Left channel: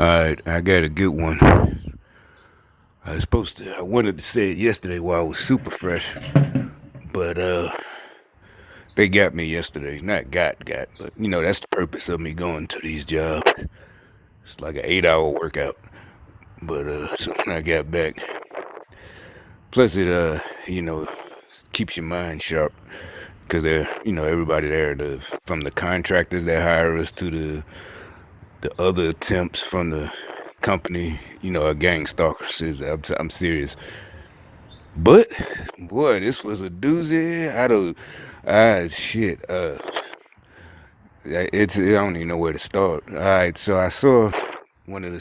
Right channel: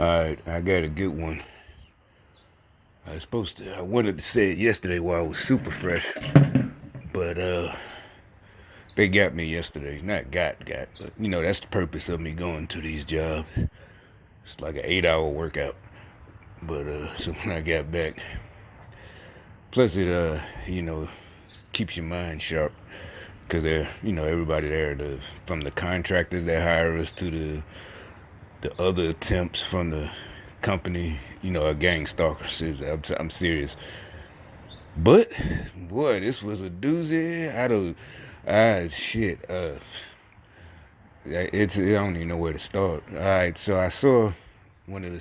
Alright, I got a good one. I wanted to say it yesterday while I was super fresh, but they got me yesterday. Not got, but that's the purpose of me going to these jobs. It's like an 8-hour workout. But so when I got back, plus it keeps your mind sharp because everybody there, from the contractors that hire us to the other attempts from the company, a gang stalkers. I'm serious. But boy, this was a doozy. Shit. I don't even know where to start. All right, so I saw one of the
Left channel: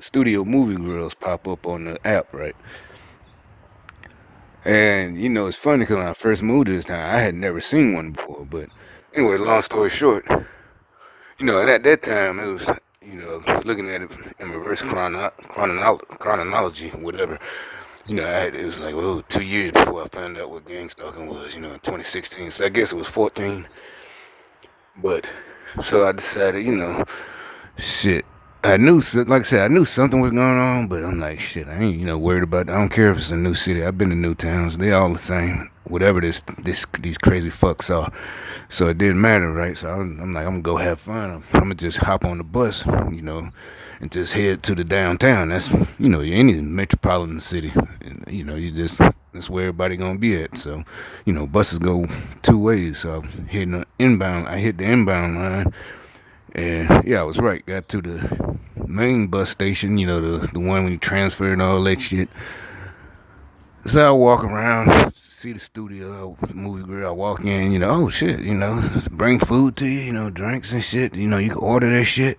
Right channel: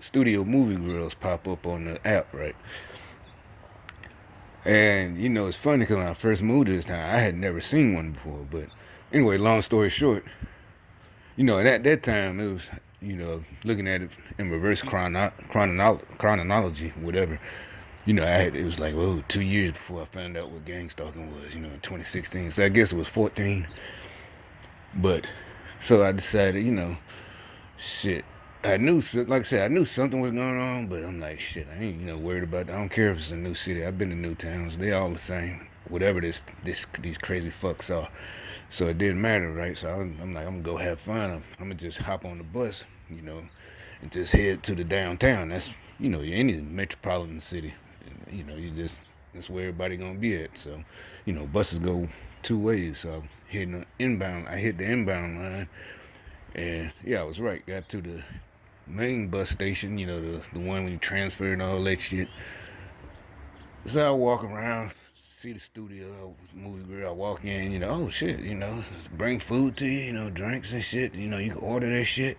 studio movie girls pop up on the app, right? And it's funny because when I first moved to this town, I had never seen one before. But anyway, long story short, at that time it was, looking at it in reverse chronology, whatever. It was like, 2 years before I found out what gang stalking was, in 2016. So I guess it was 14. But, so I decided, shit. Like I said, I knew something was going on, but I'm like, shit, I ain't, worried about it. I don't care if it's a new city. I've been to new towns. They all the same. Whatever these crazy fucks are. So it didn't matter, right? So I'm like, I'm going to go have fun. I'm going to just hop on the bus, and just head to the downtown. That's, any metropolitan city. That's where everybody going to be at. So, buses go two ways. So I hit the inbound line. And yeah, I was right. Got to the main bus station, the one when you transfer and all that shit. So I walk around, see the studio, movie grill. I walk in, oh shit, bring food to you, drinks and shit. You can order that shit.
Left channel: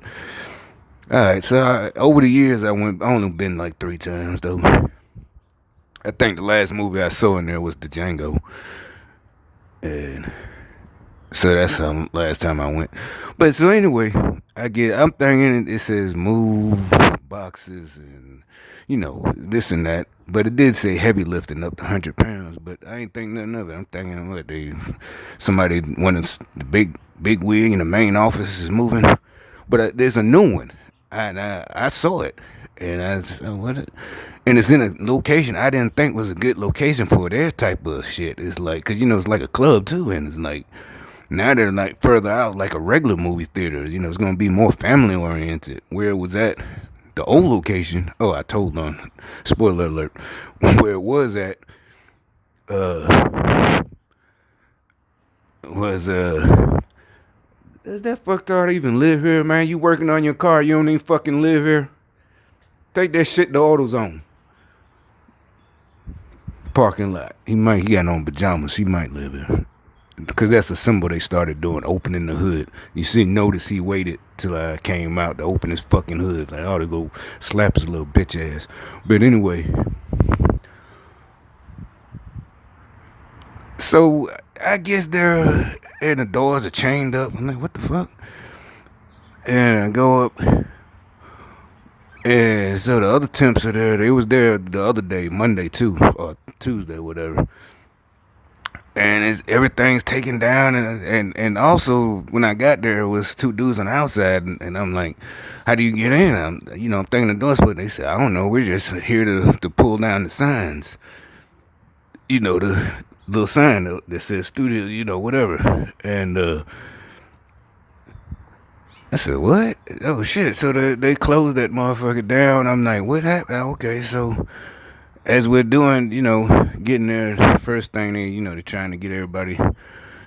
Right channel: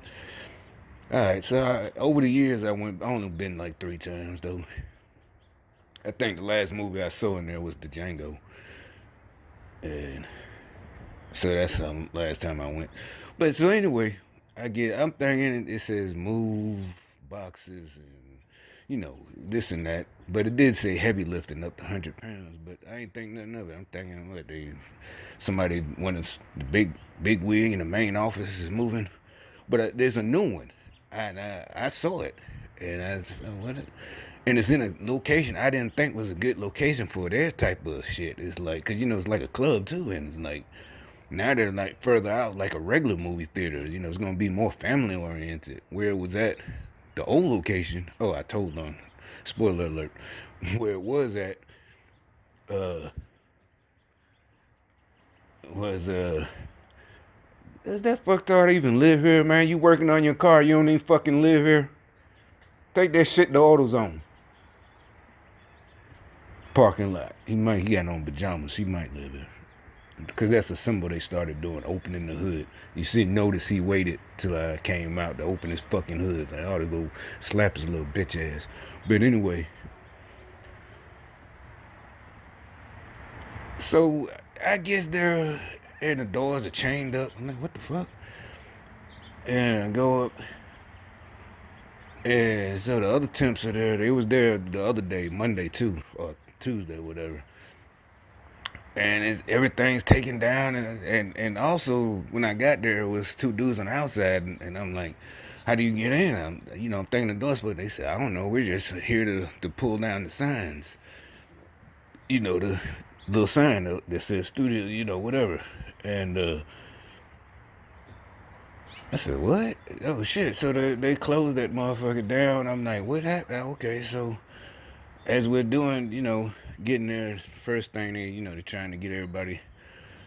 All right, so over the years, I only been like 3 times though. I think the last movie I saw in there was the Django, and so that's the last time I went. But so anyway, I'm thinking it says move boxes and this and that. But it did say heavy lifting up to 100 pounds. But I ain't think nothing of it. I'm thinking one of the big wig in the main office is moving. But there's a new one, and I saw it, and I said, what? And it's in a location I didn't think was a good location for their type of shit. It's like, cause it's like a club too, and it's like. Now they're like further out, like a regular movie theater. It's gonna be more family oriented. Where it was at, the old location. Oh, I told on. Spoiler alert. Where it was at, was Is that fucktard to even live here, man? You working on your car, you don't even fucking live here. Take that shit to AutoZone. Parking lot. He got on pajamas. He might live here. Because that's a symbol they started doing, opening the hood. Notice he waited till I came out to open his fucking hood. Like, I ought to go slap his little bitch ass. But anyway. So, I guess and the doors are chained up. I'm like, what the fuck? And I go up. And so the other temps are there. They was there the other day, Monday too, or Tuesday, whatever. And everything's taken down, and also when I got there, it was 2 dudes on the outside, and I'm like, how do you get in? I'm thinking the door's but they said, I don't know, we're just here to pull down the signs, the little sign that says studio, whatever. And I said, what? Oh shit! So they closed that motherfucker down. I'm like, what happened? Okay, so. As we're doing, getting there, the first thing they're trying to get everybody.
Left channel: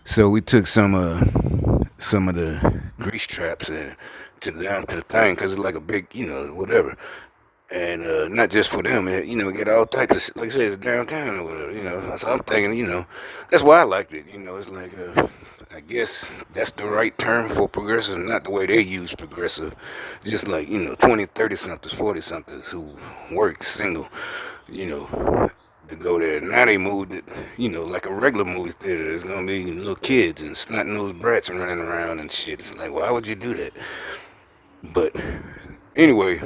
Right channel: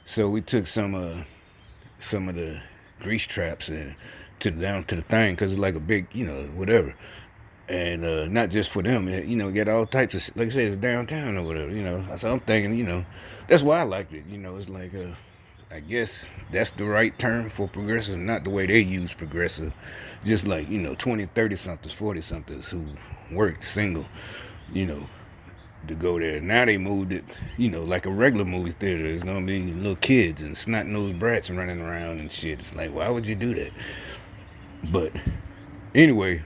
So we took some of the grease traps down to the thing because it's like a big, whatever. And not just for them, get all types of shit. Like I said, it's downtown or whatever, So I'm thinking, that's why I liked it. It's like, I guess that's the right term for progressive, not the way they use progressive. Just like, 20, 30 somethings, 40 somethings who work single. To go there. Now they moved it, like a regular movie theater. It's gonna be little kids and snot-nosed brats running around and shit. It's like, why would you do that? But anyway,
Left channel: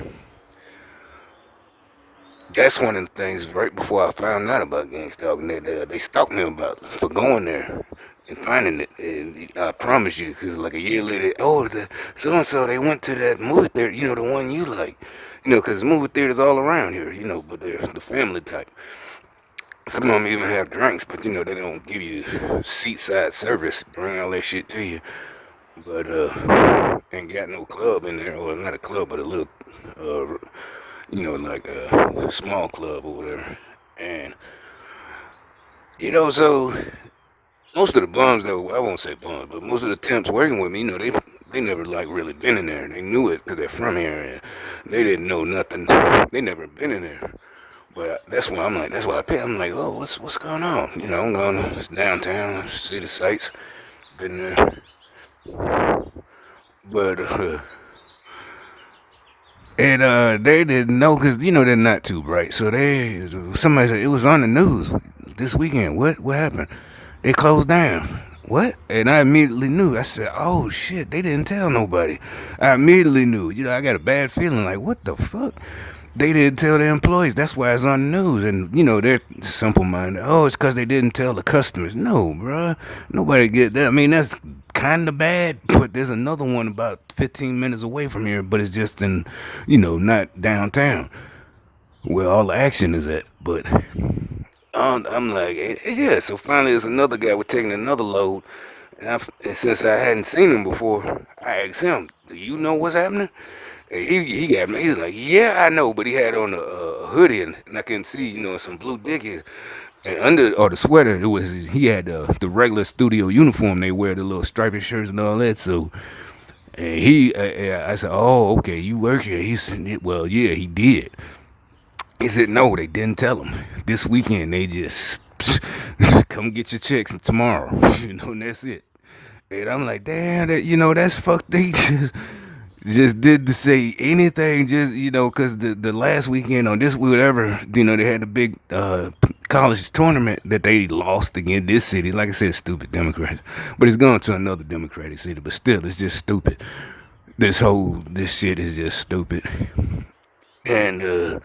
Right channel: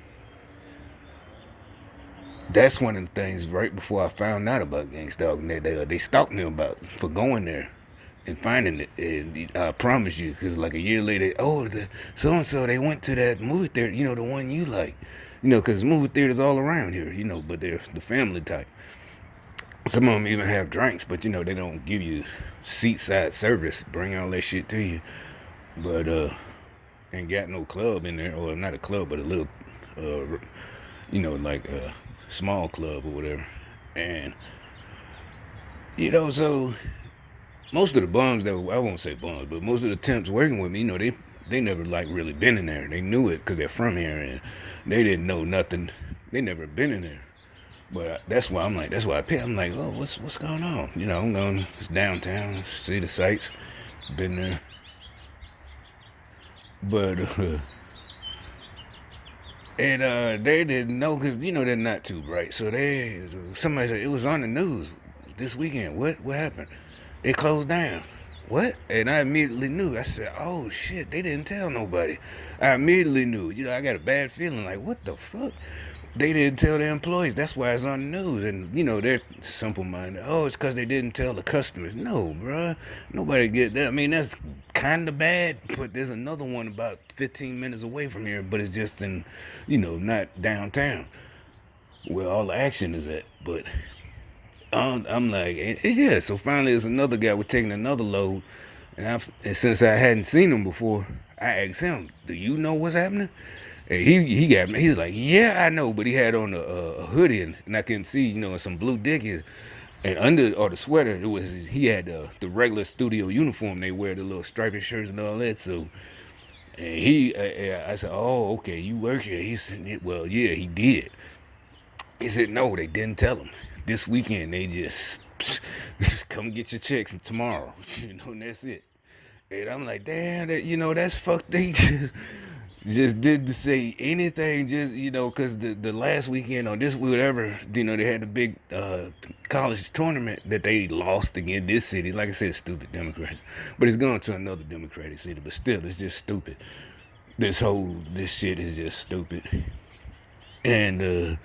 that's one of the things right before I found out about gang stalking that they stalked me about for going there. and finding it. And I promise you, because like a year later, oh, the so and so they went to that movie theater, the one you like, because movie theaters all around here, but they're the family type. Some of them even have drinks, but they don't give you seat side service, bring all that shit to you. But ain't got no club in there, or not a club, but a little, like a small club or whatever. And so most of the bums though, I won't say bums, but most of the temps working with me, they never like really been in there. They knew it because they're from here, and they didn't know nothing. They never been in there. But that's why I pick. I'm like, oh, what's going on? I'm going to downtown, see the sights, been there. But and they didn't know because they're not too bright. So somebody said it was on the news this weekend. What happened? They closed down. What? And I immediately knew. I said, oh shit, they didn't tell nobody. I immediately knew. I got a bad feeling like, what the fuck? They didn't tell the employees. That's why it's on the news. And, they're simple-minded. Oh, it's because they didn't tell the customers. No, bruh. Nobody get that. I mean, that's kind of bad. But there's another one about 15 minutes away from here. But it's just in, not downtown where all the action is at. But I'm like, yeah. So finally, there's another guy. We're taking another load. And since I hadn't seen him before, I asked him, do you know what's happening? And he got me. He's like, yeah, I know, but he had on a hoodie, and I couldn't see, some blue dickies, and under or the sweater, he had the regular studio uniform they wear, the little striped shirts and all that. So, and I said, oh, okay, you work here. He said, well, yeah, he did. He said, no, they didn't tell him. This weekend, they just come get your checks tomorrow, and that's it. And I'm like, damn, that's fucked. They just didn't say anything, just because the last weekend on this whatever, they had a big college tournament that they lost again. This city, like I said, stupid Democrats, but it's going to another Democratic city, but still, it's just stupid. This shit is just stupid, and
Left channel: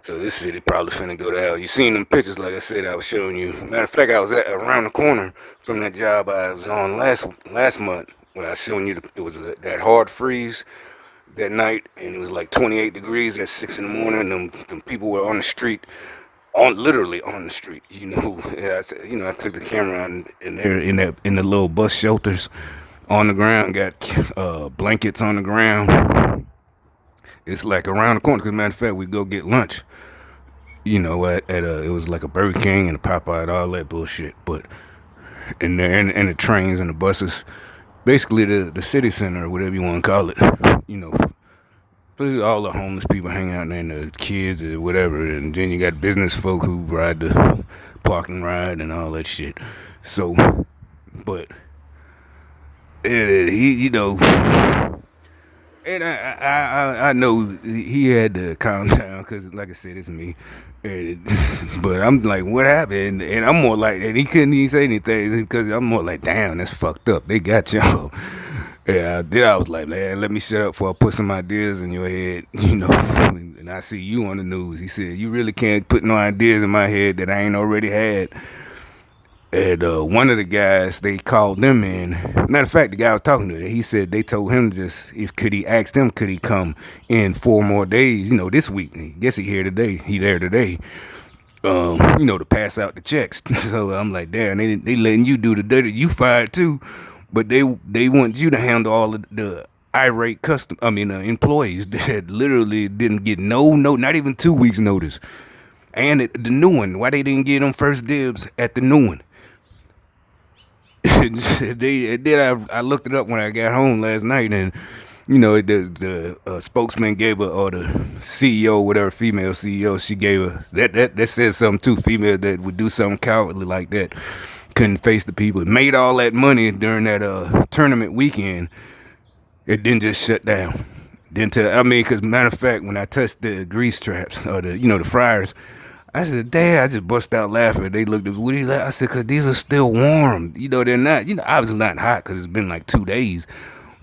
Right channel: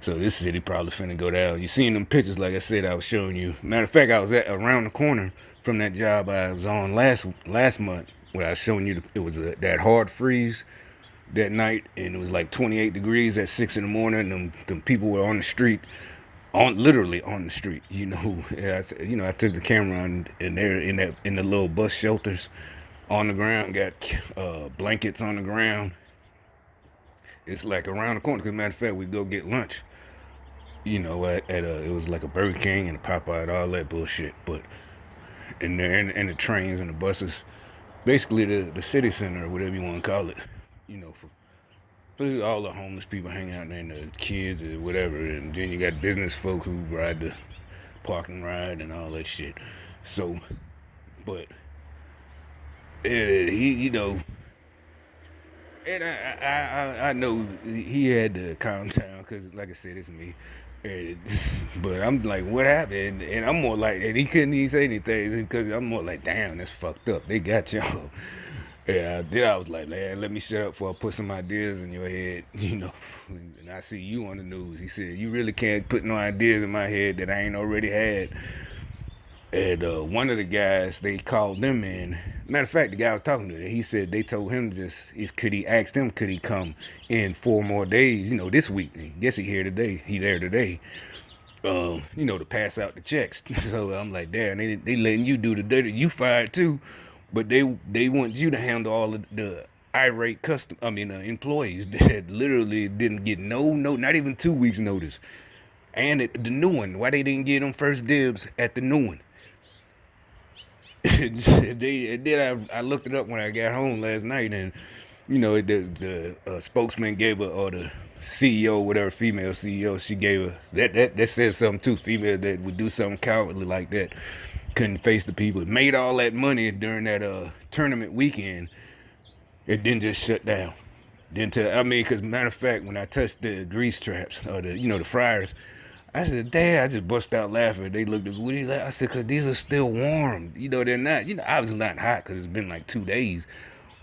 so this city probably finna go down. You seen them pictures, like I said, I was showing you. Matter of fact, I was around the corner from that job I was on last month, where I was showing you it was that hard freeze that night, and it was like 28 degrees at 6 in the morning. Them people were on the street, literally on the street. I took the camera and they're in the little bus shelters on the ground, got blankets on the ground. It's like around the corner. Cause matter of fact, we go get lunch. At it was like a Burger King and a Popeye and all that bullshit. But and the trains and the buses, basically the city center or whatever you want to call it. All the homeless people hang out there and the kids or whatever, and then you got business folk who ride the parking ride and all that shit. So, but he, and I know he had to calm down because, like I said, it's me. But I'm like, what happened? And I'm more like, and he couldn't even say anything because I'm more like, damn, that's fucked up. They got y'all. Yeah, then I was like, man, let me shut up before I put some ideas in your head, and I see you on the news. He said, you really can't put no ideas in my head that I ain't already had. And one of the guys, they called them in. Matter of fact, the guy I was talking to, he said they told him could he come in 4 more days, this week. I guess he there today, to pass out the checks. So I'm like, damn, they letting you do the dirty. You fired too. But they want you to handle all of the irate employees that literally didn't get not even 2 weeks notice. And the new one, why they didn't get them first dibs at the new one? I looked it up when I got home last night, and the spokesman gave her, or the CEO, whatever, female CEO, she gave her that says something too. Female that would do something cowardly like that, couldn't face the people. It made all that money during that tournament weekend. It didn't just shut down. Because matter of fact, when I touched the grease traps or the fryers, I said, damn, I just bust out laughing. They looked at me, what are you laughing? I said, because these are still warm. They're not, obviously not hot because it's been like 2 days.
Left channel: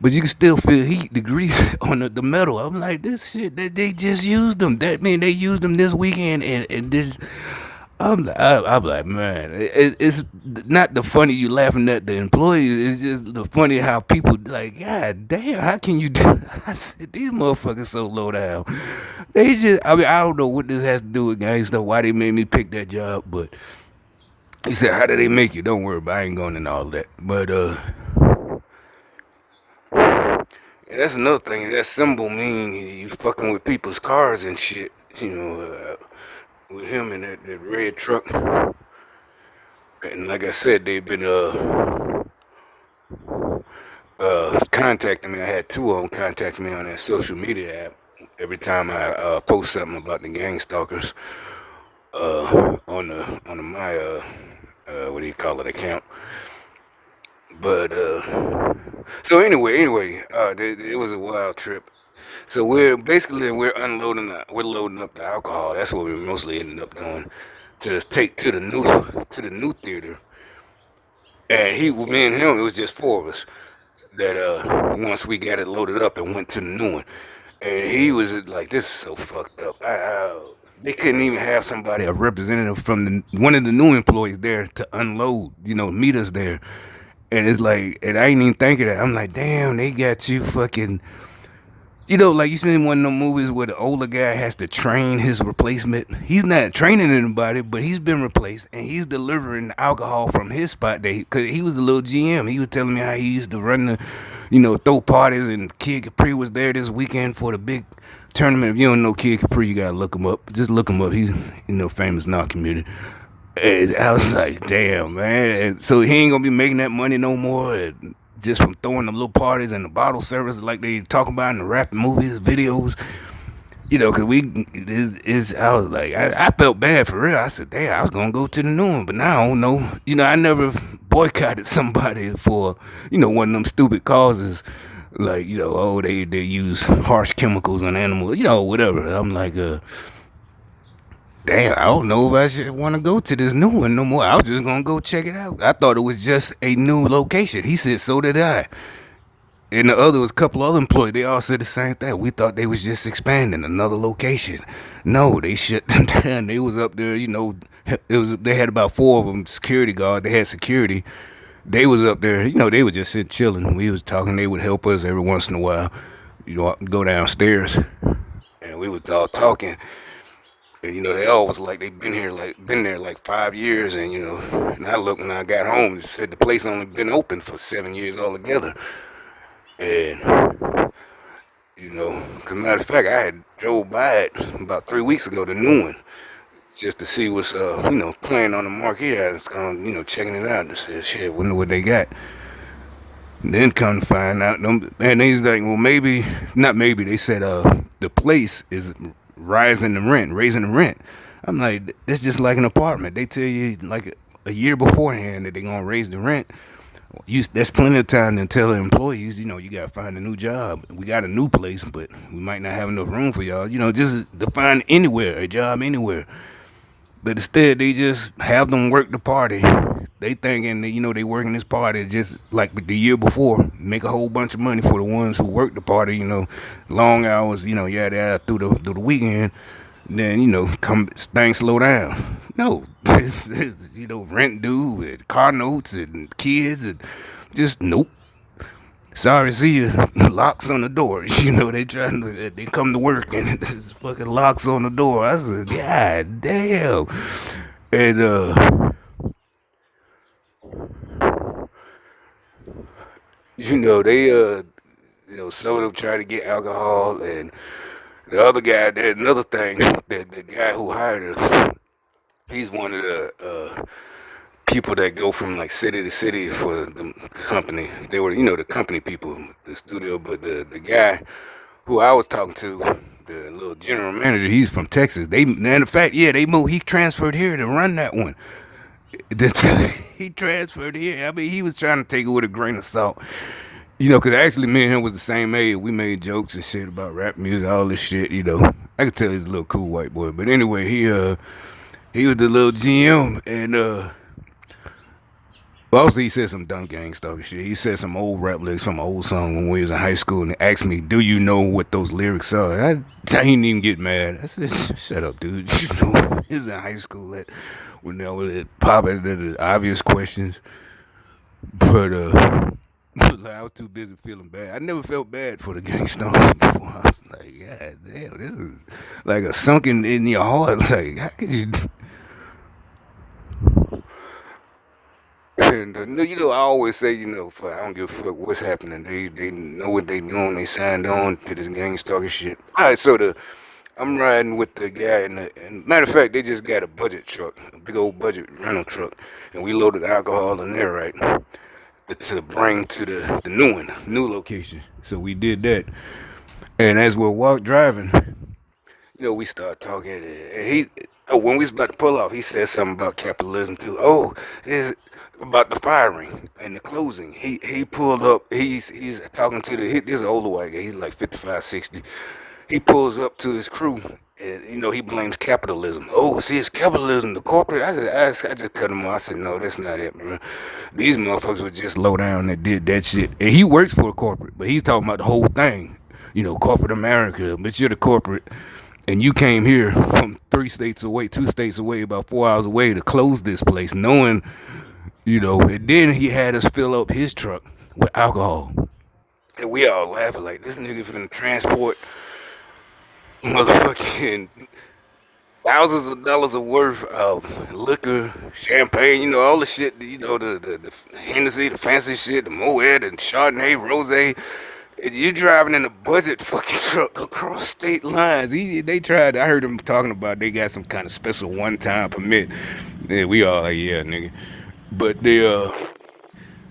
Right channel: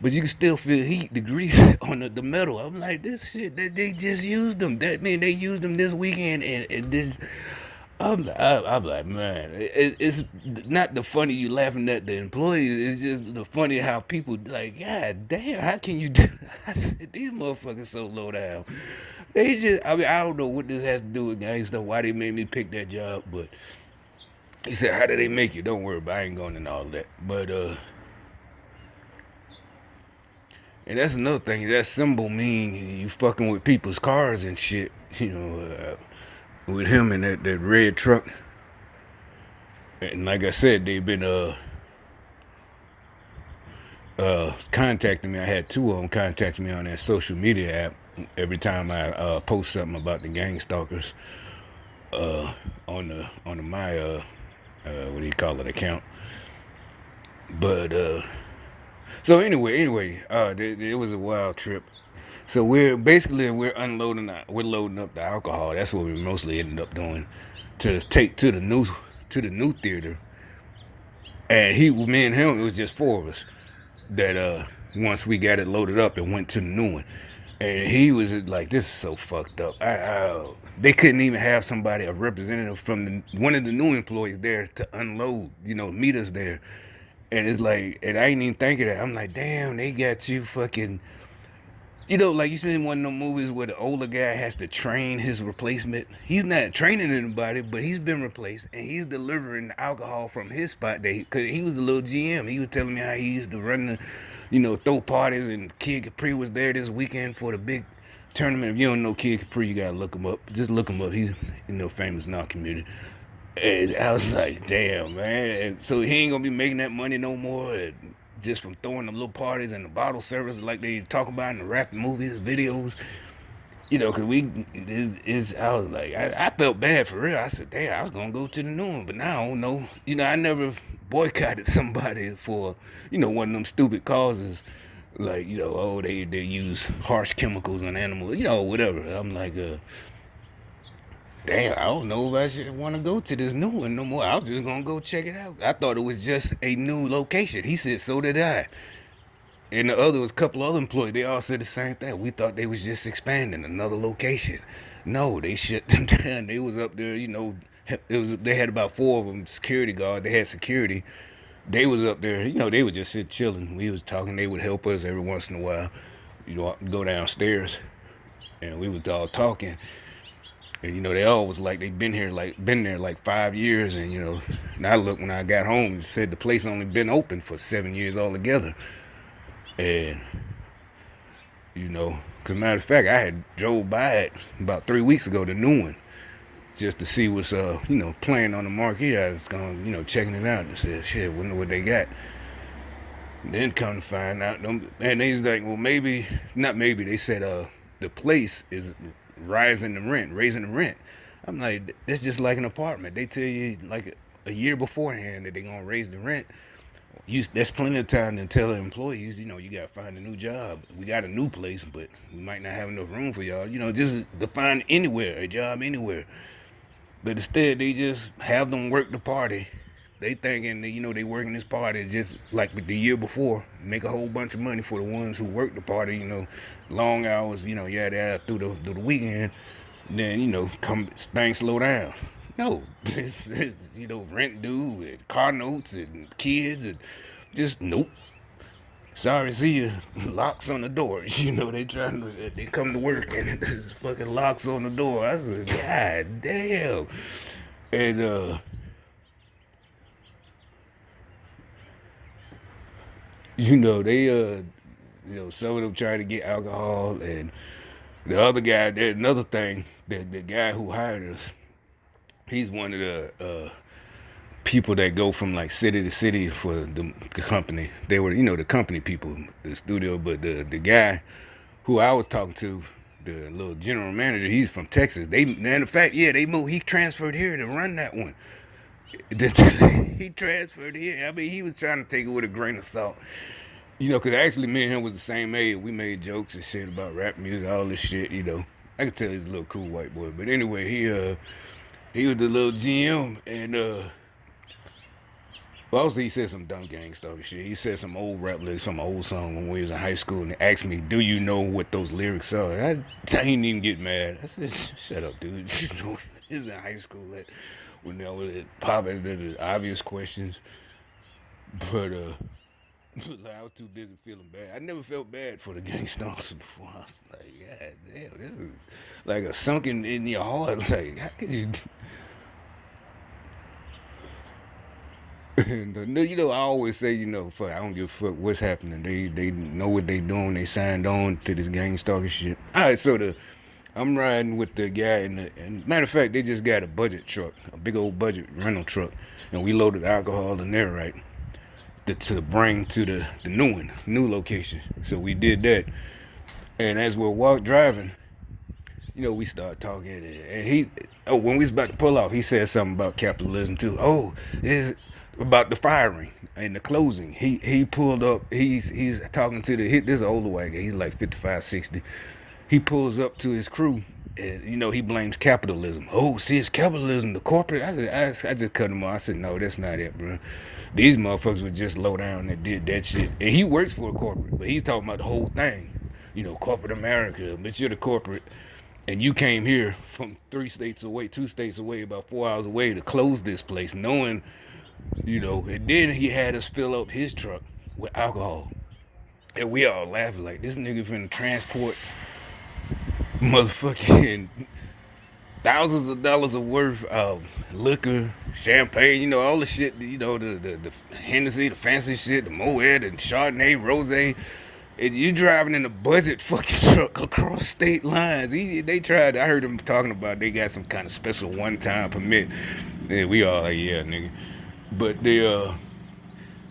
But you can still feel heat, the grease on the metal. I'm like, this shit, they just used them. That mean they used them this weekend, and this. I'm like, man, it's not the funny you laughing at the employees. It's just the funny how people like, God damn, how can you do? I said, these motherfuckers so low down. They just, I mean, I don't know what this has to do with gang stuff. Why they made me pick that job, but he said, how do they make you? Don't worry about it. I ain't going into all that. But and that's another thing. That symbol mean you fucking with people's cars and shit. You know, with him in that red truck. And like I said, they've been contacting me. I had two of them contact me on that social media app every time I post something about the gang stalkers on my what do you call it, account. But so anyway, it was a wild trip. So we're unloading, we're loading up the alcohol. That's what we mostly ended up doing, to take to the new theater. And me and him, it was just four of us that once we got it loaded up and went to the new one. And he was like, this is so fucked up. They couldn't even have somebody, a representative from one of the new employees there to unload, meet us there. And it's like, and I ain't even think of that. I'm like, damn, they got you fucking, like you seen one of them movies where the older guy has to train his replacement. He's not training anybody, but he's been replaced, and he's delivering alcohol from his spot. Cause he was a little GM. He was telling me how he used to run the, throw parties, and Kid Capri was there this weekend for the big tournament. If you don't know Kid Capri, you gotta look him up. Just look him up. He's, famous in our community. And I was like, damn, man. And so he ain't gonna be making that money no more. And just from throwing the little parties and the bottle service like they talk about in the rap movies, videos, because I was like, I felt bad for real. I said, damn, I was gonna go to the new one, but now I don't know. I never boycotted somebody for, one of them stupid causes, like, oh, they use harsh chemicals on animals, whatever. I'm like, damn, I don't know if I should want to go to this new one no more. I was just gonna go check it out. I thought it was just a new location. He said, so did I. And the other was a couple other employees. They all said the same thing. We thought they was just expanding another location. No, they shut down. They was up there, they had about four of them security guards. They had security. They was up there, they would just sit chilling. We was talking. They would help us every once in a while, go downstairs, and we was all talking. And they all was like they been there like 5 years, and and I looked when I got home and said the place only been open for 7 years altogether. And cause matter of fact, I had drove by it about 3 weeks ago, the new one, just to see what's playing on the marquee. I was going, checking it out and said, shit, wonder what they got. And then come to find out, and he's like, well, maybe not. Maybe they said the place is raising the rent. I'm like, that's just like an apartment. They tell you like a year beforehand that they're gonna raise the rent. That's plenty of time to tell the employees, you gotta find a new job. We got a new place, but we might not have enough room for y'all. Just to find a job anywhere. But instead, they just have them work the party. They thinking that, they working this party just like the year before, make a whole bunch of money for the ones who work the party, long hours, yada through the weekend. Then, things slow down. No, rent due and car notes and kids and just nope. Sorry, see you. Locks on the door. They come to work and there's fucking locks on the door. I said, God damn. And they some of them try to get alcohol, and the other guy, there's another thing, the guy who hired us, he's one of the people that go from like city to city for the company. They were, the company people, the studio, but the guy who I was talking to, the little general manager, he's from Texas. Matter of fact, they moved. He transferred here to run that one. He transferred here. I mean, he was trying to take it with a grain of salt. Because actually me and him was the same age. We made jokes and shit about rap music, all this shit, I could tell he's a little cool white boy. But anyway, he was the little GM, and also he said some dumb gang stuff shit. He said some old rap lyrics from an old song when we was in high school, and asked me, do you know what those lyrics are? I didn't even get mad. I said, shut up, dude. He was in high school. when they would pop into the obvious questions. But I was too busy feeling bad. I never felt bad for the gangsters before. I was like, God damn, this is like a sunken in your heart. Like, how could you? And I always say, I don't give a fuck what's happening. They know what they doing. They signed on to this gang stalker shit. All right, so I'm riding with the guy, and matter of fact, they just got a budget truck, a big old budget rental truck, and we loaded alcohol in there, right, to bring to the new location. So we did that, and as we're driving, we start talking, and when we was about to pull off, he said something about capitalism too. Oh, is about the firing and the closing. He pulled up. He's talking to this is an older white guy. He's like 55, 60. He pulls up to his crew, and he blames capitalism. Oh, see, it's capitalism, the corporate. I just cut him off. I said, no, that's not it, man. These motherfuckers were just low down that did that shit. And he works for a corporate, but he's talking about the whole thing. Corporate America, but you're the corporate. And you came here from 2 states away, about 4 hours away to close this place, knowing, and then he had us fill up his truck with alcohol. And we all laughing like, this nigga finna transport motherfucking thousands of dollars of worth of liquor, champagne, all the shit, the Hennessy, the fancy shit, the Moet, and Chardonnay, Rosé. And you driving in a budget fucking truck across state lines. They tried, I heard them talking about they got some kind of special one-time permit. Yeah, we all like, yeah, nigga. But they,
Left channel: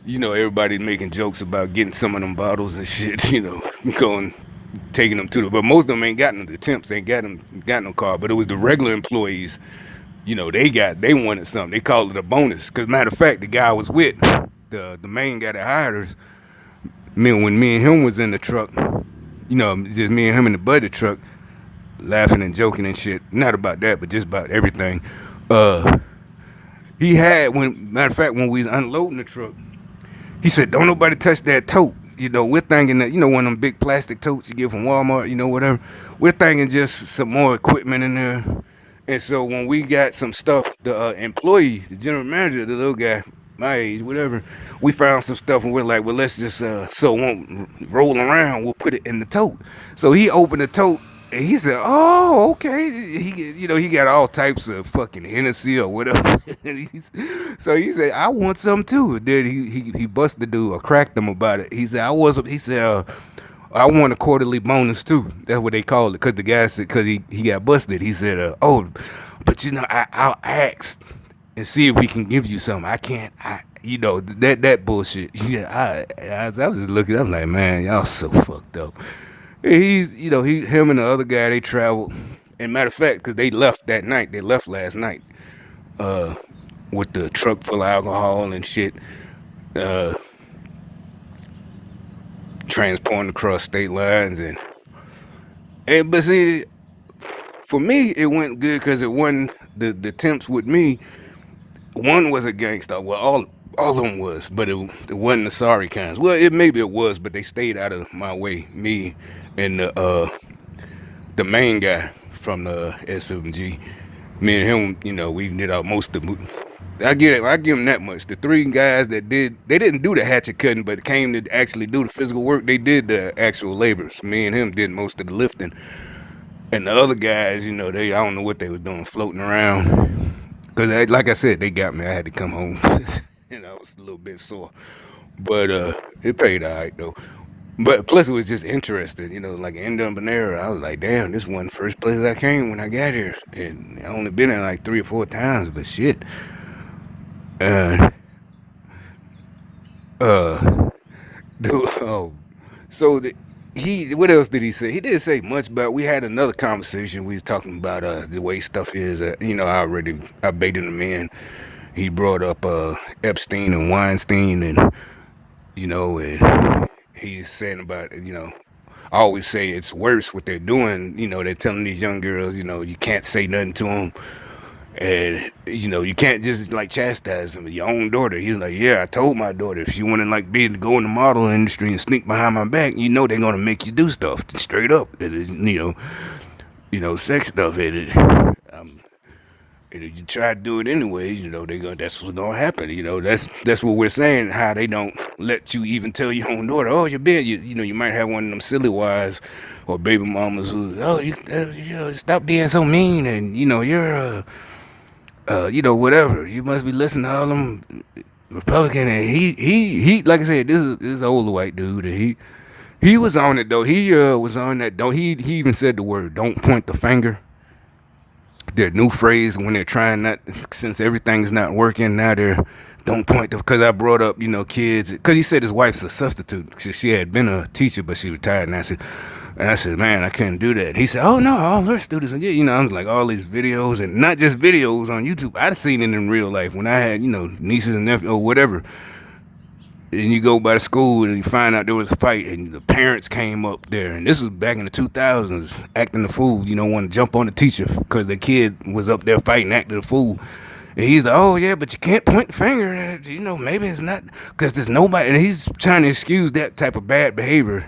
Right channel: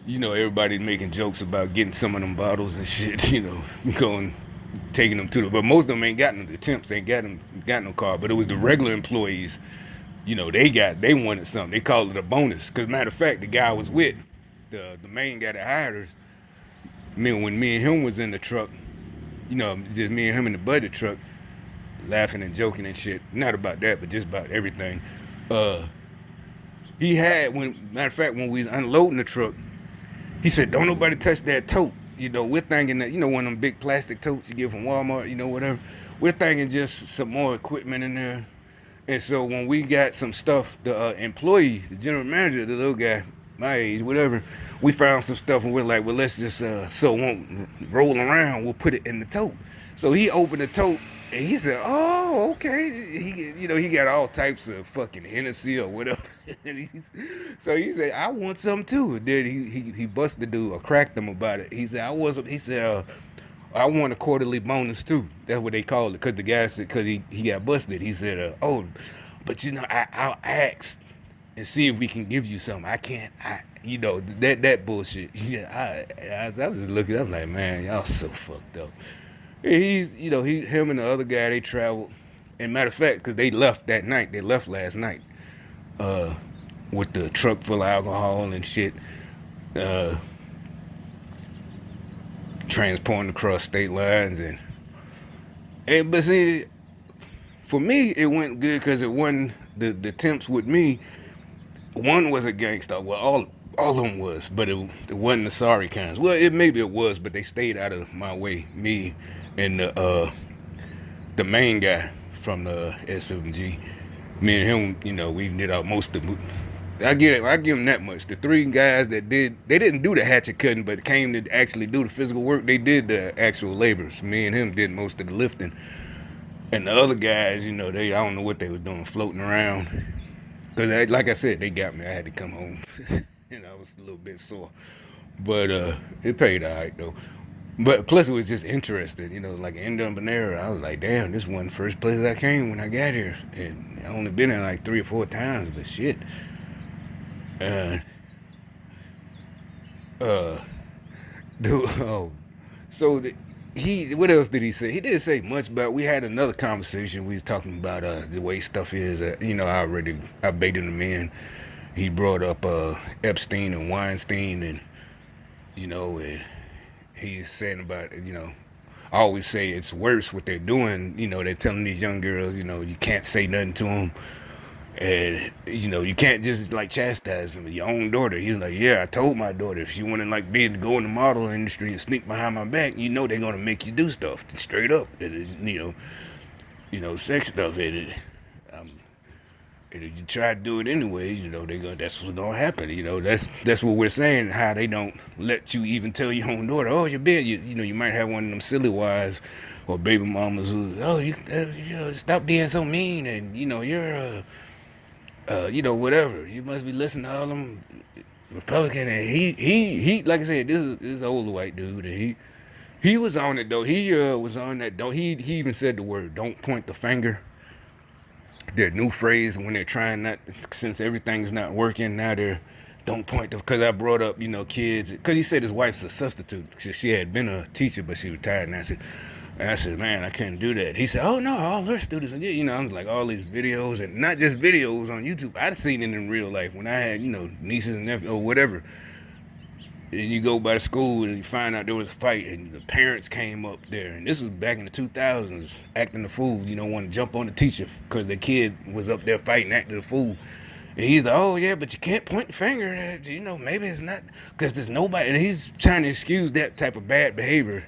everybody making jokes about getting some of them bottles and shit, taking them to but most of them ain't got no, the temps ain't got no car, but it was the regular employees, they wanted something. They called it a bonus. Cause matter of fact, the guy I was with, the main guy that hired us, when me and him was in the truck, just me and him in the budget truck, laughing and joking and shit. Not about that, but just about everything. He had, matter of fact, when we was unloading the truck, he said, don't nobody touch that tote. We're thinking that, one of them big plastic totes you get from Walmart, whatever. We're thinking just some more equipment in there. And so when we got some stuff, the employee, the general manager, the little guy, my age, whatever, we found some stuff and we're like, well, let's just, so it won't roll around, we'll put it in the tote. So he opened the tote and he said, oh, okay. He got all types of fucking Hennessy or whatever. So he said, I want some too. And then he busted the dude or cracked him about it. He said, I want a quarterly bonus too. That's what they called it. Cause the guy said, cause he got busted. He said, but I'll ask and see if we can give you something. I can't, that bullshit. Yeah, I was just looking, I'm like, man, y'all so fucked up. And him and the other guy, they traveled. And matter of fact, cause they left that night, they left last night, with the truck full of alcohol and shit, transporting across state lines but see, for me it went good because it wasn't the temps with me. One was a gangster. Well, all of them was, but it wasn't the sorry kinds. Well, maybe it was, but they stayed out of my way. Me and the main guy from the SMG. Me and him, we did our most of the. I give him that much. The 3 guys they didn't do the hatchet cutting, but came to actually do the physical work. They did the actual labors. Me and him did most of the lifting. And the other guys, I don't know what they was doing, floating around. Because, like I said, they got me. I had to come home. I was a little bit sore. But it paid all right, though. But plus, it was just interesting. Like in Bonera, I was like, damn, this wasn't the first place I came when I got here. And I only been there like 3 or 4 times, but shit. What else did he say? He didn't say much, but we had another conversation. We was talking about the way stuff is. I baited him in. He brought up Epstein and Weinstein, and and he's saying about I always say it's worse what they're doing. They're telling these young girls, you can't say nothing to them. And, you can't just, like, chastise them. Your own daughter. He's like, yeah, I told my daughter if she wanted, like, go in the model industry and sneak behind my back, they're going to make you do stuff straight up. Sex stuff. And if you try to do it anyway, that's what's gonna happen. That's what we're saying. How they don't let you even tell your own daughter, oh, you're bad. You might have one of them silly wives or baby mamas who, oh, stop being so mean, and you're whatever. You must be listening to all them Republican. And he, like I said, this is an older white dude, and he was on it though. He was on that. Don't he even said the word, don't point the finger. Their new phrase when they're trying not, since everything's not working now, they're don't point to, because I brought up kids, because he said his wife's a substitute because she had been a teacher but she retired, and I said man, I couldn't do that. He said, oh no, all her students are good. I'm like, all these videos, and not just videos on YouTube, I'd seen it in real life when I had nieces and nephews or whatever. And you go by the school and you find out there was a fight, and the parents came up there, and this was back in the 2000s, acting the fool, want to jump on the teacher because the kid was up there fighting, acting the fool. And he's like, oh yeah, but you can't point the finger at, maybe it's not, because there's nobody, and he's trying to excuse that type of bad behavior.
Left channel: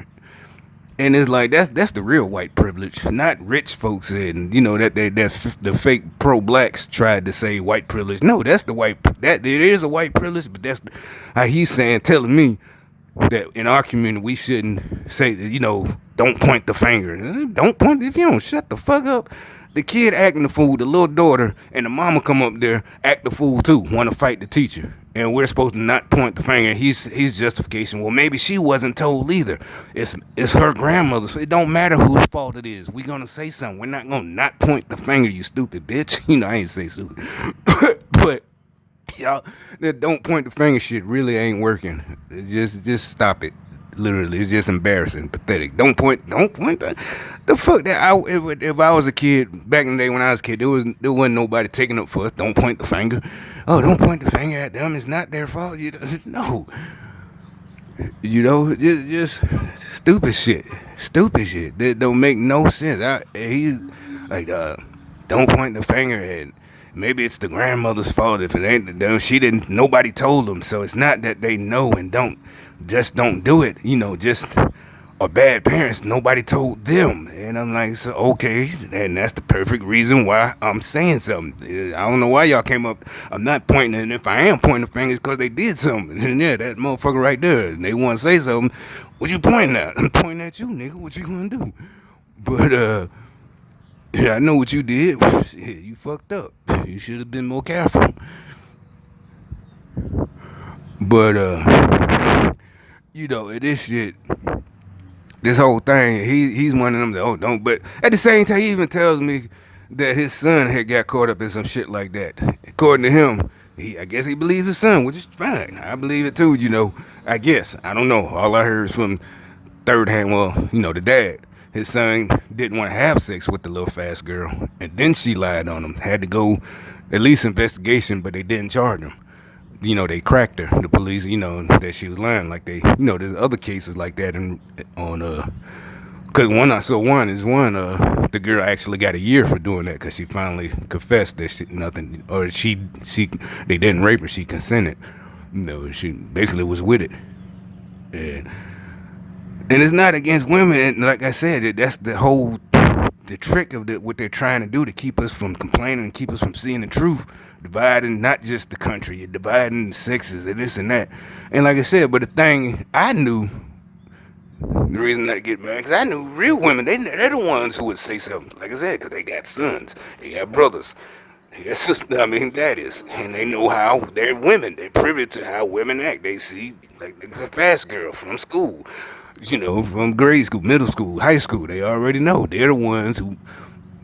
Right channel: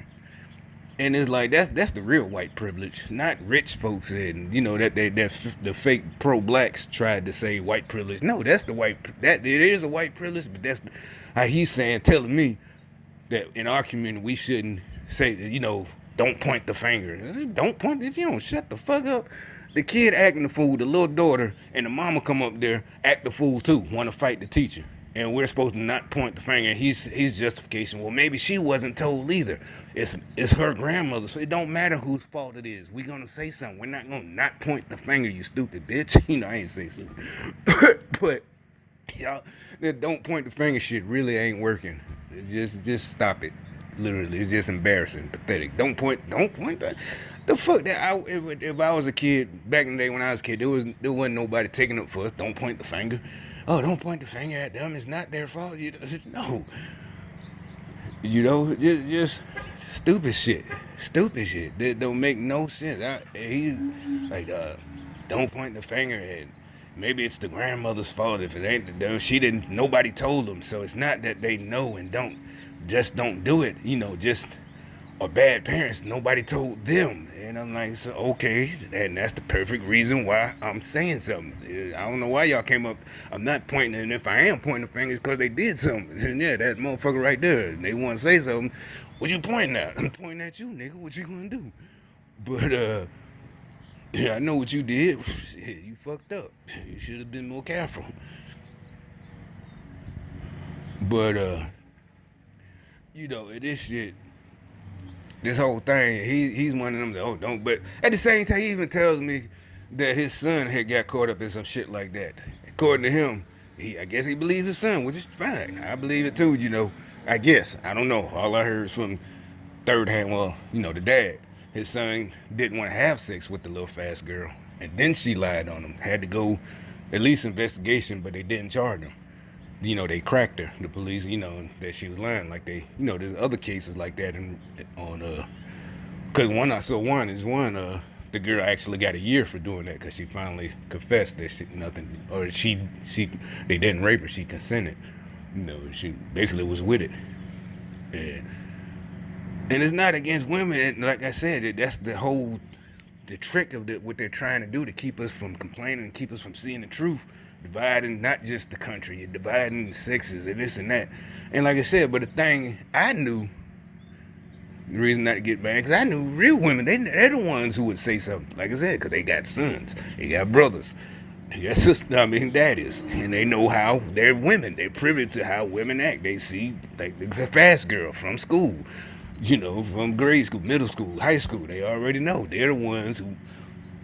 And it's like, that's the real white privilege, not rich folks. And that the fake pro-blacks tried to say white privilege. No, that's the white, that there is a white privilege, but that's how he's telling me that in our community we shouldn't say, don't point the finger. Don't point, if you don't shut the fuck up. The kid acting the fool, the little daughter and the mama come up there, act the fool too, want to fight the teacher. And we're supposed to not point the finger. He's justification. Well, maybe she wasn't told either. It's her grandmother. So it don't matter whose fault it is. We're gonna say something. We're not gonna not point the finger, you stupid bitch. I ain't say stupid. But y'all, that don't point the finger shit really ain't working. Just stop it. Literally, it's just embarrassing, pathetic. Don't point that. The fuck that. If I was a kid back in the day when I was a kid, there wasn't nobody taking up for us. Don't point the finger. Oh, don't point the finger at them. It's not their fault. No. Just stupid shit. Stupid shit that don't make no sense. He's like, don't point the finger at. Maybe it's the grandmother's fault if it ain't them. Nobody told them, so it's not that they know and don't do it. Just are bad parents. Nobody told them, and I'm like, so okay, and that's the perfect reason why I'm saying something. I don't know why y'all came up. I'm not pointing, and if I am pointing the fingers, because they did something. And yeah, that motherfucker right there, and they want to say something. What you pointing at? I'm pointing at you, nigga. What you gonna do? But yeah, I know what you did. You fucked up. You should have been more careful. But this shit, this whole thing, he's one of them that, oh, don't. But at the same time, he even tells me that his son had got caught up in some shit like that. According to him, I guess he believes his son, which is fine. I believe it too, I guess. I don't know. All I heard is from third hand, well, the dad. His son didn't want to have sex with the little fast girl. And then she lied on him. Had to go at least investigation, but they didn't charge him. They cracked her, the police, that she was lying. Like there's other cases like that because the girl actually got a year for doing that because she finally confessed that they didn't rape her, she consented. She basically was with it. And it's not against women, and like I said, that's the trick of what they're trying to do to keep us from complaining and keep us from seeing the truth. Dividing not just the country, you're dividing the sexes and this and that. And like I said, but the thing I knew, the reason that I get mad, because I knew real women, they're the ones who would say something. Like I said, because they got sons, they got brothers, they got sisters, daddies, and they know how they're women. They're privy to how women act. They see, like the fast girl from school, from grade school, middle school, high school. They already know. They're the ones who.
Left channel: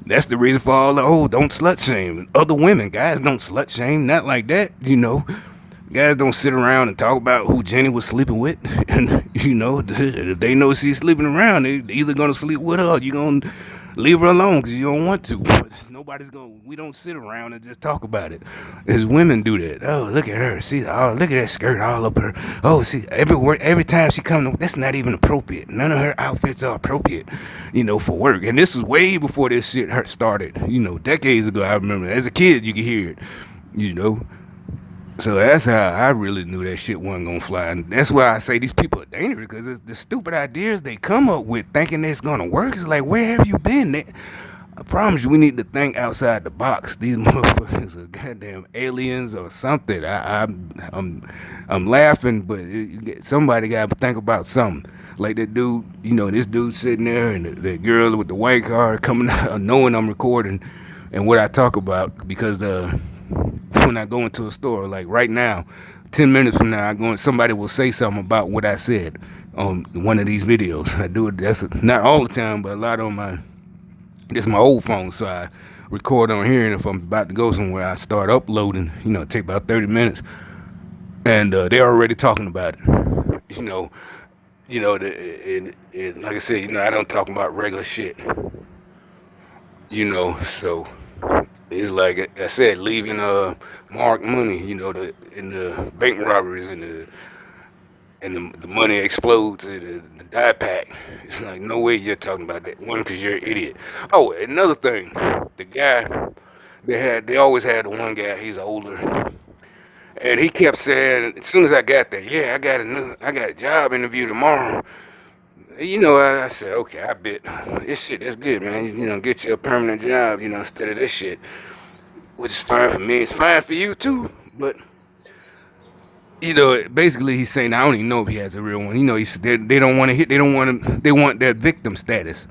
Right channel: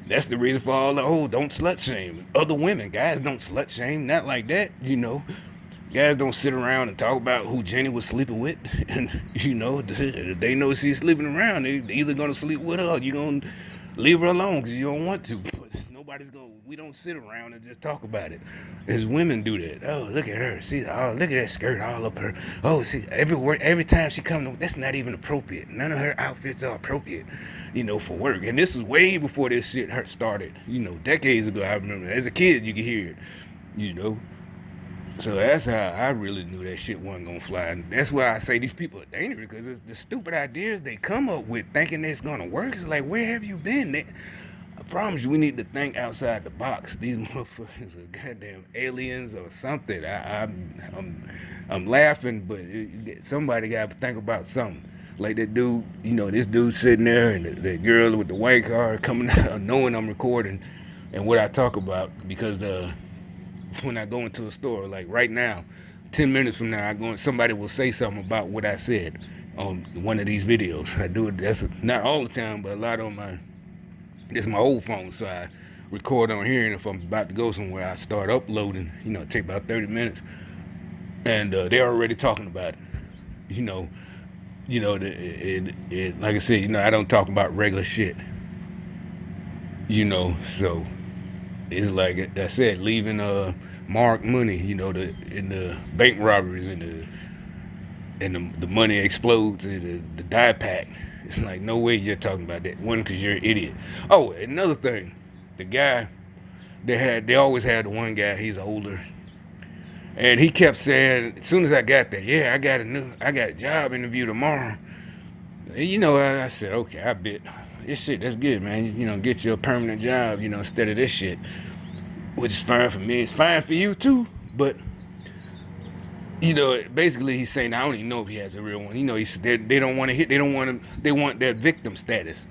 That's the reason for all the, don't slut shame. Other women, guys don't slut shame, not like that, Guys don't sit around and talk about who Jenny was sleeping with. And, if they know she's sleeping around, they either going to sleep with her or you're going to leave her alone because you don't want to. But we don't sit around and just talk about it. As women do that. Oh, look at her. Look at that skirt all up her. Oh, see, every time she comes, that's not even appropriate. None of her outfits are appropriate, for work. And this was way before this shit started. Decades ago, I remember. As a kid, you could hear it, So that's how I really knew that shit wasn't gonna fly. And that's why I say these people are dangerous, because it's the stupid ideas they come up with thinking it's gonna work. It's like, where have you been? I promise you, we need to think outside the box. These motherfuckers are goddamn aliens or something. I'm laughing, but somebody got to think about something. Like that dude, this dude sitting there, and the girl with the white car coming out, knowing I'm recording, and what I talk about. Because when I go into a store, like right now, 10 minutes from now, somebody will say something about what I said on one of these videos. I do it. That's not all the time, but a lot on my. This is my old phone, so I record on here, and if I'm about to go somewhere, I start uploading. It take about 30 minutes, and they're already talking about it. Like I said, I don't talk about regular shit. So it's like I said, leaving marked money. In the bank robberies and the money explodes in the dye pack. It's like, no way you're talking about that. One, because you're an idiot. Oh, another thing, the guy they always had the one guy. He's older, and he kept saying, as soon as I got there, yeah, I got a job interview tomorrow. I said, okay, I bet this shit, that's good, man. Get you a permanent job, instead of this shit, which is fine for me. It's fine for you too, but. Basically he's saying, I don't even know if he has a real one. They don't want to hit. They don't want to. They want that victim status.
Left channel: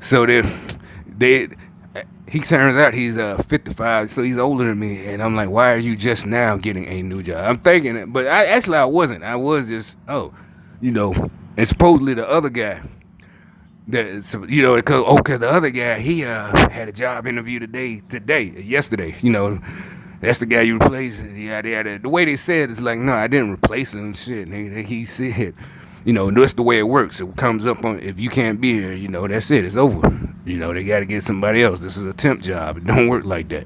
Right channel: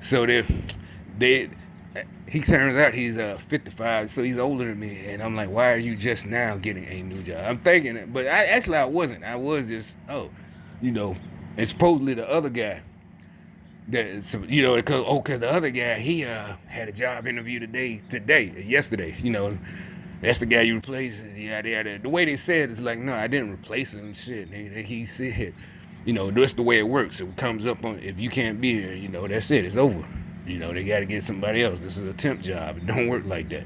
So he turns out he's 55, so he's older than me, and I'm like, why are you just now getting a new job? I'm thinking it, but I wasn't. I was just and supposedly the other guy. Because the other guy, he had a job interview yesterday. That's the guy you replaced. Yeah. The way they said it's like, no, I didn't replace him. Shit, he said, that's the way it works. It comes up on, if you can't be here, that's it. It's over. They got to get somebody else. This is a temp job. It don't work like that.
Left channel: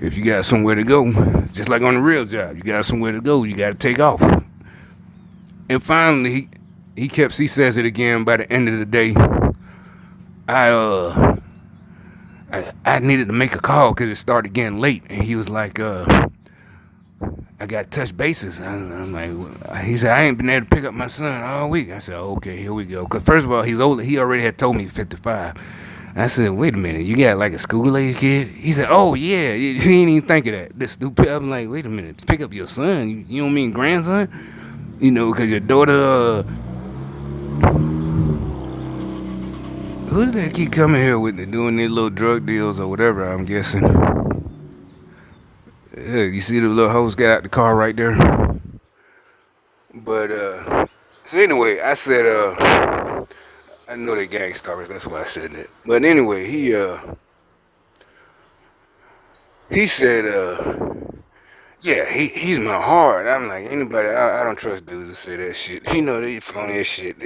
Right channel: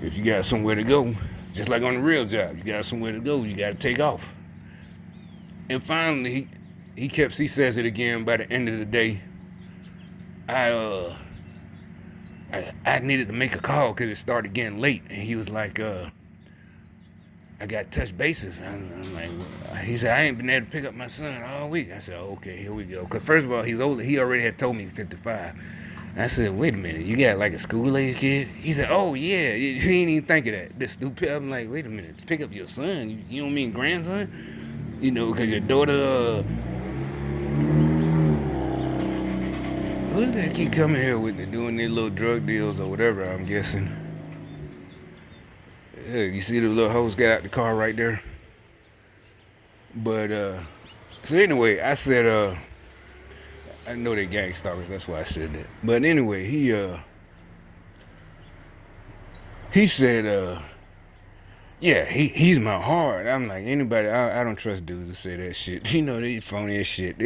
If you got somewhere to go, just like on the real job, you got somewhere to go, you got to take off. And finally, he says it again. By the end of the day, I needed to make a call because it started getting late, and he was like, I got touch bases. I'm like, he said, I ain't been able to pick up my son all week. I said, okay, here we go. Because first of all, he's older. He already had told me 55. I said, wait a minute, you got like a school-age kid? He said, oh, yeah, he didn't even think of that. This stupid. I'm like, wait a minute, pick up your son. You don't mean grandson? Because your daughter, who did they keep coming here with doing their little drug deals or whatever, I'm guessing. Yeah, you see the little host got out the car right there? But, so anyway, I said, I know they gang stalkers, that's why I said that. But anyway, he said, yeah, he's my heart. I'm like, anybody, I don't trust dudes that say that shit. They phony as shit.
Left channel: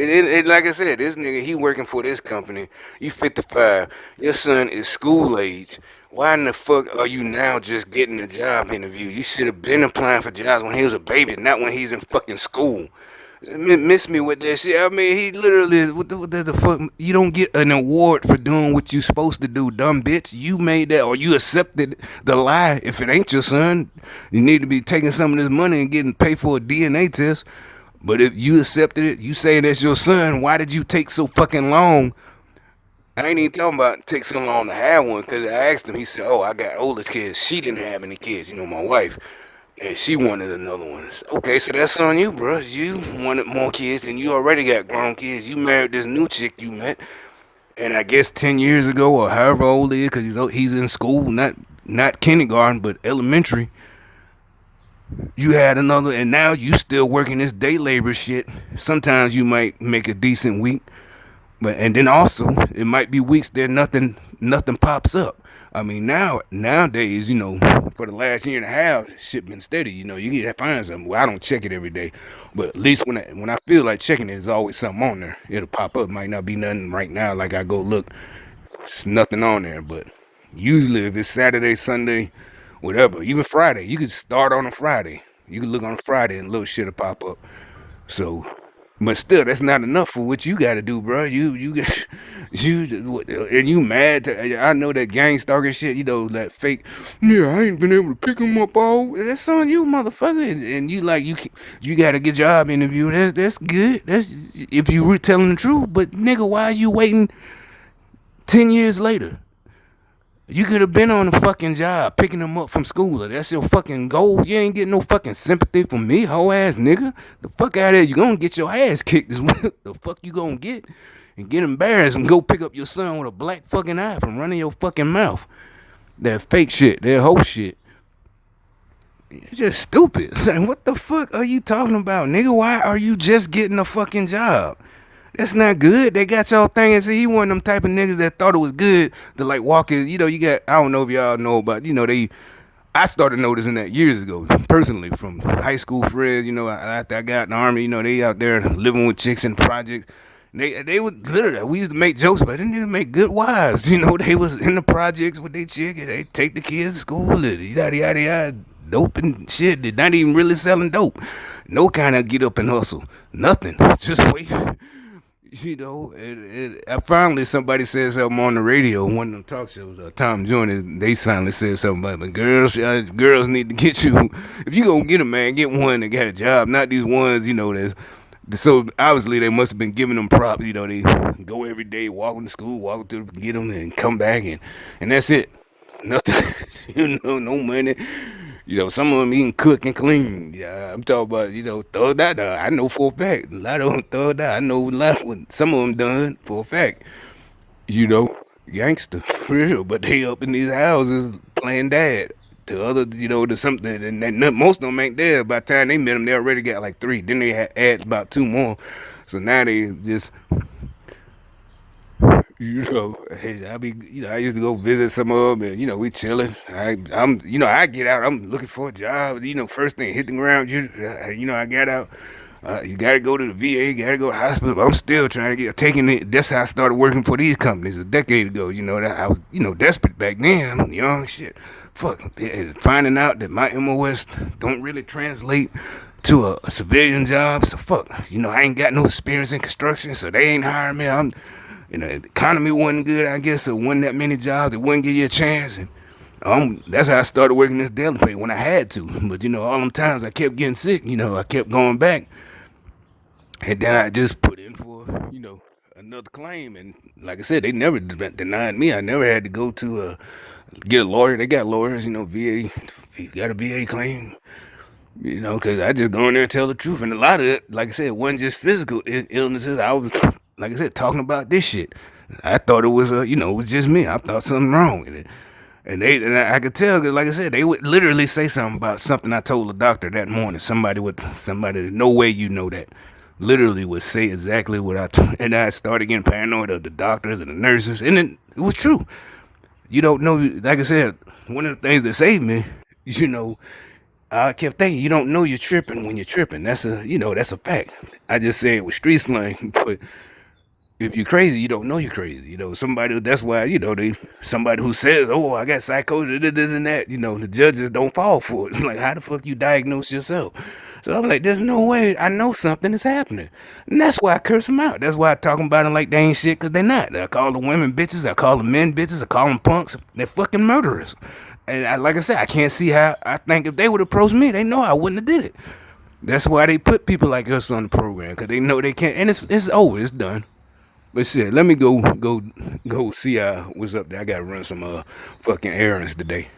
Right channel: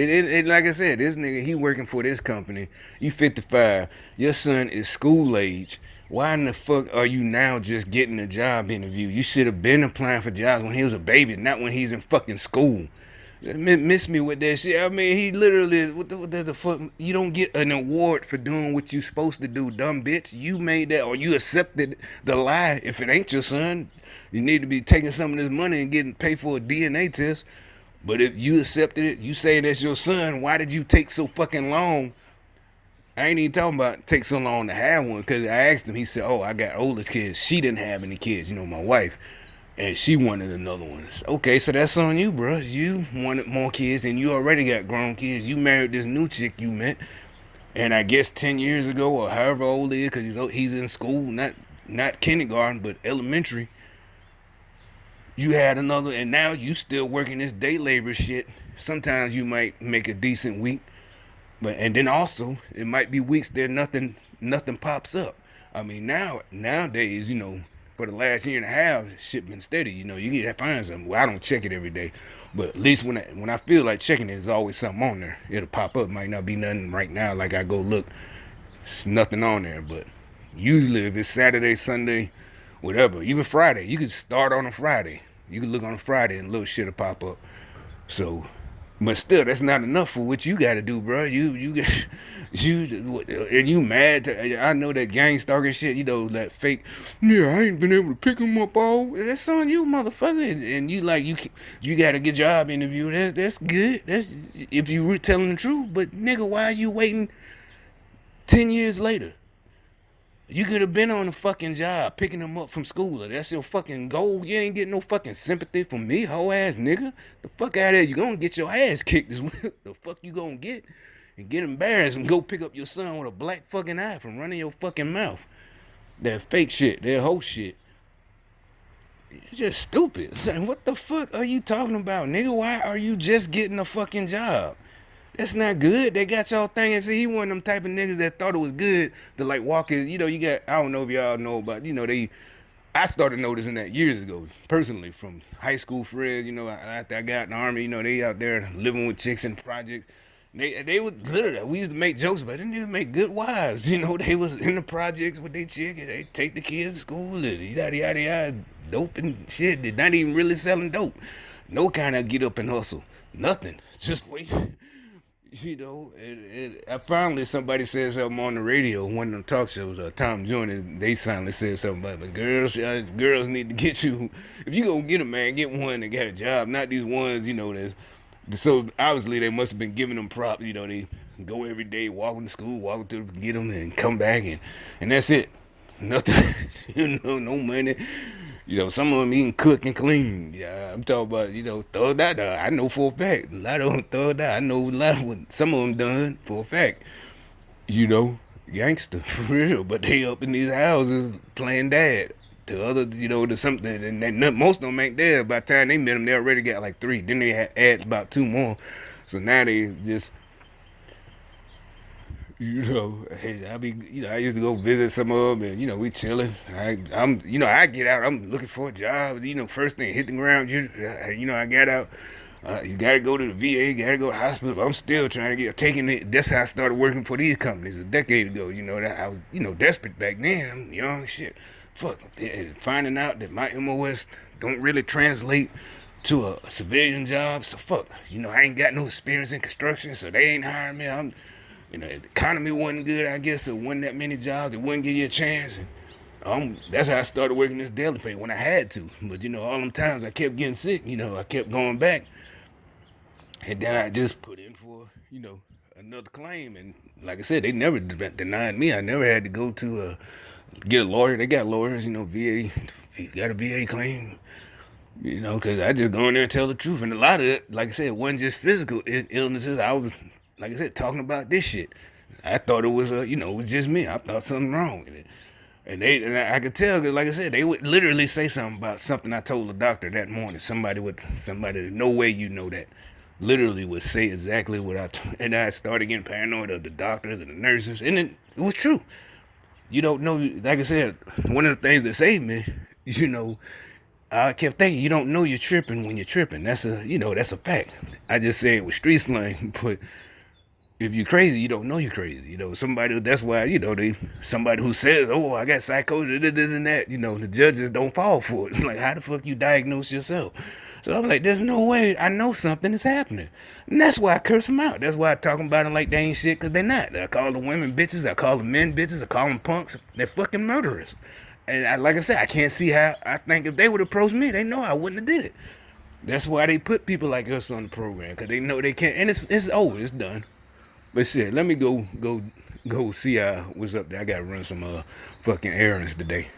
Like I said, this nigga, he working for this company. You 55. Your son is school age. Why in the fuck are you now just getting a job interview? You should have been applying for jobs when he was a baby, not when he's in fucking school. Miss me with that shit. I mean, he literally, what the fuck? You don't get an award for doing what you supposed to do, dumb bitch. You made that, or you accepted the lie. If it ain't your son, you need to be taking some of this money and getting paid for a DNA test. But if you accepted it, you say that's your son, why did you take so fucking long? I ain't even talking about take so long to have one, because I asked him, he said, oh, I got older kids. She didn't have any kids, my wife. And she wanted another one. Okay, so that's on you, bro. You wanted more kids, and you already got grown kids. You married this new chick you met, and I guess 10 years ago, or however old he is, because he's in school, not kindergarten, but elementary. You had another, and now you still working this day labor shit. Sometimes you might make a decent week, and then also it might be weeks there nothing pops up. I mean, nowadays, for the last year and a half, shit been steady. You get to find something. Well, I don't check it every day, but at least when I feel like checking it, there's always something on there. It'll pop up. Might not be nothing right now. Like I go look, there's nothing on there. But usually, if it's Saturday, Sunday, whatever, even Friday, you can start on a Friday. You can look on a Friday and little shit will pop up. So, but still, that's not enough for what you got to do, bro. You mad? I know that gang stalker shit. That fake. Yeah, I ain't been able to pick him up all. That's on you, motherfucker. And you got to get job interview. That's good. That's if you were telling the truth. But nigga, why are you waiting 10 years later? You could have been on a fucking job picking them up from school. If that's your fucking goal, you ain't getting no fucking sympathy from me, hoe ass nigga. The fuck out of here. You gonna get your ass kicked is what the fuck you gonna get. And get embarrassed and go pick up your son with a black fucking eye from running your fucking mouth. That fake shit, that whole shit. It's just stupid. Like, what the fuck are you talking about, nigga? Why are you just getting a fucking job? That's not good. They got y'all thinking. See, he one of them type of niggas that thought it was good to like walk in. You know, you got, I don't know if y'all know about, I started noticing that years ago, personally, from high school friends, after I got in the army, they out there living with chicks in projects. They would literally, we used to make jokes about it, and they make good wives. They was in the projects with their chick, and they take the kids to school, and yada, yada, yada, dope and shit. They're not even really selling dope. No kind of get up and hustle. Nothing. Just wait. Finally somebody said something on the radio, one of them talk shows, Tom Joyner, they finally said something about, but girls need to get you, if you gonna get a man, get one that got a job, not these ones, so obviously they must have been giving them props, they go every day, walking to school, walking to get them, and come back, and that's it. Nothing, no money. Some of them even cook and clean. Yeah, I'm talking about, thug that. I know for a fact. A lot of them thug that. I know a lot of what some of them done for a fact. Gangster, for real. But they up in these houses playing dad. To other, to something. And most of them ain't there. By the time they met them, they already got like 3. Then they had adds about 2 more. So now they just... hey, I used to go visit some of them, and we chilling. I get out. I'm looking for a job. First thing, hit the ground. I got out. You gotta go to the VA. Gotta go to the hospital. But I'm still trying to get taking it. That's how I started working for these companies a decade ago. That I was, desperate back then. I'm young, shit. Fuck, finding out that my MOS don't really translate to a civilian job. So fuck, I ain't got no experience in construction, so they ain't hiring me. The economy wasn't good, I guess, so wasn't that many jobs. It wouldn't give you a chance. And that's how I started working this deli pay when I had to. But, all them times I kept getting sick, I kept going back. And then I just put in for, another claim. And like I said, they never denied me. I never had to go to get a lawyer. They got lawyers, VA. You got a VA claim. Because I just go in there and tell the truth. And a lot of it, like I said, wasn't just physical illnesses. I was, like I said, talking about this shit. I thought it was, it was just me. I thought something wrong with it. And I could tell, because like I said, they would literally say something about something I told the doctor that morning. Somebody, no way you know that, literally would say exactly what and I started getting paranoid of the doctors and the nurses. And it was true. You don't know, like I said, one of the things that saved me, I kept thinking, you don't know you're tripping when you're tripping. That's a fact. I just say it with street slang, but if you're crazy, you don't know you're crazy. That's why, somebody who says, oh, I got psychosis, and that, the judges don't fall for it. It's like, how the fuck you diagnose yourself? So I'm like, there's no way I know something is happening. And that's why I curse them out. That's why I talk about them like they ain't shit, because they're not. I call the women bitches. I call the men bitches. I call them punks. They're fucking murderers. And like I said, I can't see how. I think if they would approach me, they know I wouldn't have did it. That's why they put people like us on the program, because they know they can't. And it's over. It's done. But shit, let me go see what's up there. I gotta run some fucking errands today.